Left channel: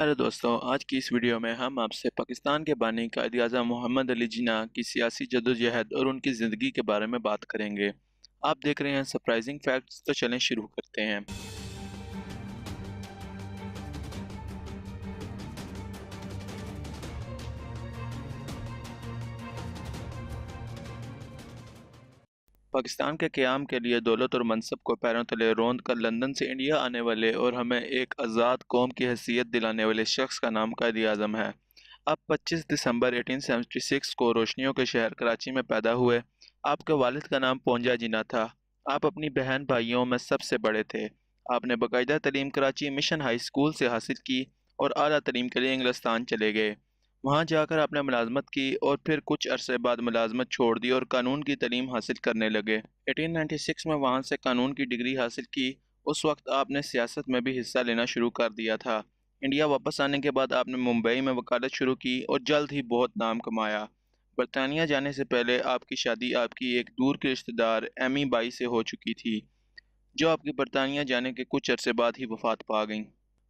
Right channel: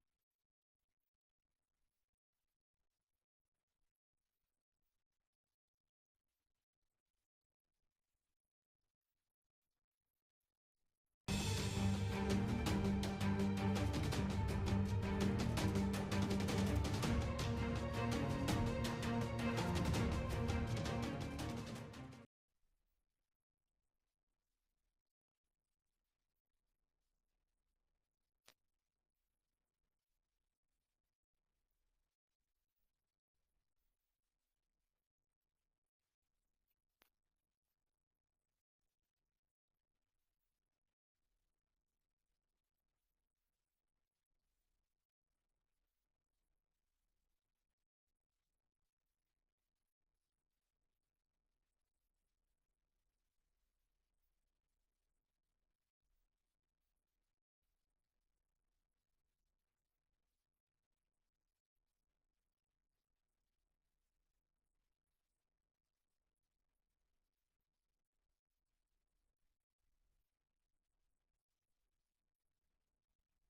अरे दोस्तों, आज की इस वीडियो में हम आपसे पाकिस्तान के बानी कायद-ए-आज़म मोहम्मद अली जिन्ना की सियासी जद्दोजहद और उनकी ज़िंदगी के बारे में बात करेंगे। आप देख रहे हैं सरप्राइजिंग फैक्ट्स, तो चलें शुरू करते हैं। पाकिस्तान के क़याम के लिए दौलत और मनसब को पैरों तले रौंद कर लंदन से इंडिया आने वाले और हमें एक आज़ाद कौम की हैसियत दिलाने वाले शख्स का नाम कायद-ए-आज़म है। आप 25 दिसंबर 1876 को रोशनियों के शहर कराची में पैदा हुए। आपके वालिद का नाम पोंजा जिन्ना था। आप अपनी बहन भाइयों में सबसे बड़े थे। आपने बाकायदा तालीम कराची मिशन हाई स्कूल से हासिल की और आला तालीम के लिए इंग्लिस्तान चले गए। वहाँ जाकर आपने मुलाजमत की और फिर कुछ अरसे बाद मुलाजमत छोड़ दी और कानून की तालीम हासिल करने लगे। 1896 में वहाँ से कानून की डिग्री हासिल की। उस वक्त आपने सियासत में भी हिस्सा लेना शुरू कर दिया था। इंडिया वापस आने के बाद आपने मुंबई में वकालत शुरू की और जल्द ही बहुत नाम कमाया। बरतानिया जाने से पहले आपकी शादी आपकी एक दूर के रिश्तेदार एमी बाई से हो चुकी थी, जो आपकी बरतानिया जाने के कुछ अरसे बाद ही वफात पा गईं।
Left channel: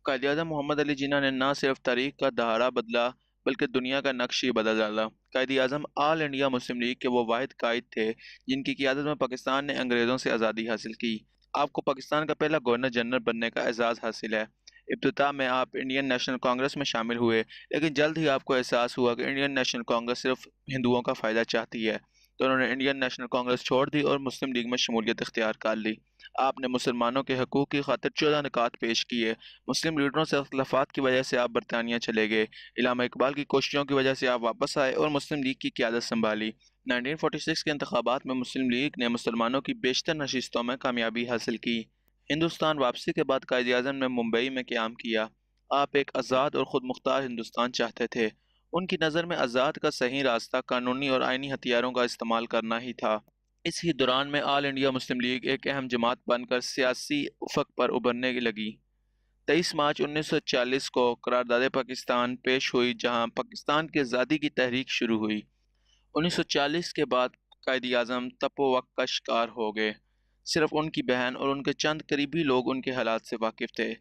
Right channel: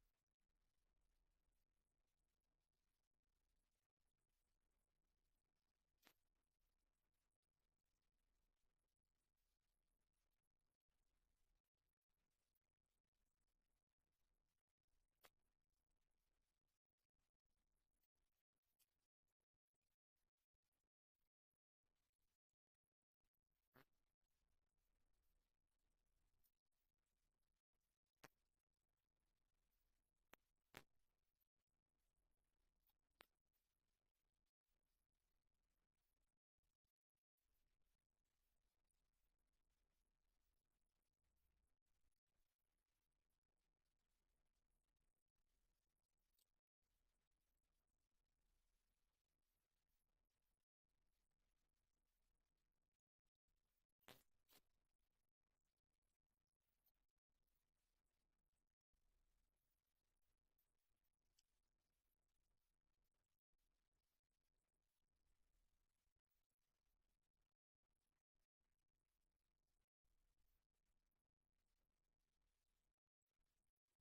कायद-ए-आज़म मोहम्मद अली जिन्ना ने न सिर्फ तारीख का दहाड़ा बदला, बल्कि दुनिया का नक्श ही बदल डाला। Quaid-e-Azam all India Muslim league के वो वाहिद कायद थे जिनकी क़ियादत में पाकिस्तान ने अंग्रेज़ों से आज़ादी हासिल की। आपको पाकिस्तान का पहला गवर्नर जनरल बनने का एजाज़ हासिल है। इब्तिदा में आप इंडियन नेशनल कांग्रेस में शामिल हुए, लेकिन जल्द ही आपको एहसास हुआ कि इंडियन नेशनल कांग्रेस सिर्फ हिंदुओं का फ़ायदा चाहती है, तो उन्होंने इंडियन नेशनल कांग्रेस छोड़ दी और मुस्लिम लीग में शमूलियत इख्तियार कर ली। आपने मुसलमानों के हकूक़ की खातिर 14 निकात पेश किए। मुस्लिम लीडरों से अख्तिलाफ़ात की वजह से आप बरतानिया चले गए। इल्हामा इकबाल की कोशिशों की वजह से आप वापस आए और मुस्लिम लीग की क़यादत संभाली। 1946 के इंतखाबात में मुस्लिम लीग ने मुसलमानों की बेशतर नशिस्तों में कामयाबी हासिल की। हिंदुस्तान वापसी के बाद कायद-ए-आज़म ने मुंबई में क़याम किया। आप एक आज़ाद और ख़ुद मुख्तार हिंदुस्तान चाहते थे। उनकी नज़र में आज़ाद का सही रास्ता कानूनी और आइनी हथियारों का इस्तेमाल करना ही था। इसी दौरान में ऑल इंडिया मुस्लिम लीग एक अहम जमात बनकर सियासी उफ़क़ पर उभरने लगी। 23 मार्च 1940 को करारदाद पाकिस्तान पेश हुई, जहां पाकिस्तान की आज़ादी की तहरीक शुरू हुई। 1940 के बाद कायद-ए-आज़म तपोवक का शिकार हो गए। सिर्फ उनकी बहन और उनके चंद करीबी लोग उनके हालात से वाकिफ़ थे,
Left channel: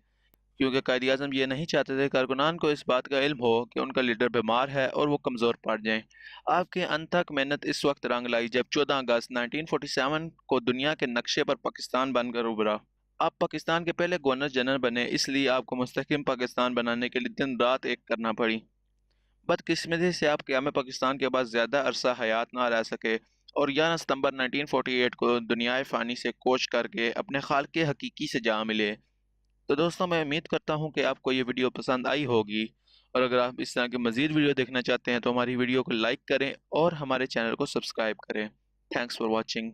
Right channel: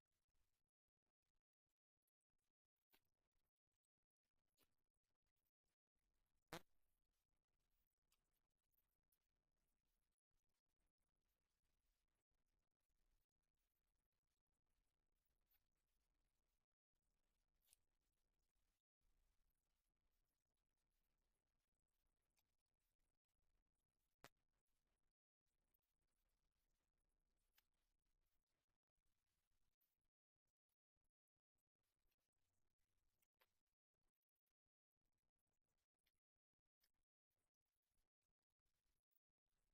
क्योंकि कायद-ए-आज़म ये नहीं चाहते थे कारकुनान को इस बात का इल्म हो कि उनका लीडर बीमार है और वो कमज़ोर पड़ जाएं। आपकी अनथक मेहनत इस वक्त रंग लाई जब 14 अगस्त 1947 को दुनिया के नक्शे पर पाकिस्तान बनकर उभरा। आप पाकिस्तान के पहले गवर्नर जनरल बने, इसलिए आपको मुस्तकिम पाकिस्तान बनाने के लिए दिन रात एक करना पड़ी। बदकिस्मती से आप क़याम पाकिस्तान के बाद ज़्यादा अरसा हयात ना रह सके और 11 सितंबर 1948 को दुनियाए फ़ानी से कोच करके अपने खालिक़ हकीकी से जा मिले। तो दोस्तों, मैं उम्मीद करता हूँ कि आपको ये वीडियो पसंद आई होगी, और अगर आप इस तरह के मज़ीद वीडियो देखना चाहते हैं तो हमारी वीडियो को लाइक करें और हमारे चैनल को सब्सक्राइब करें। Thanks for watching.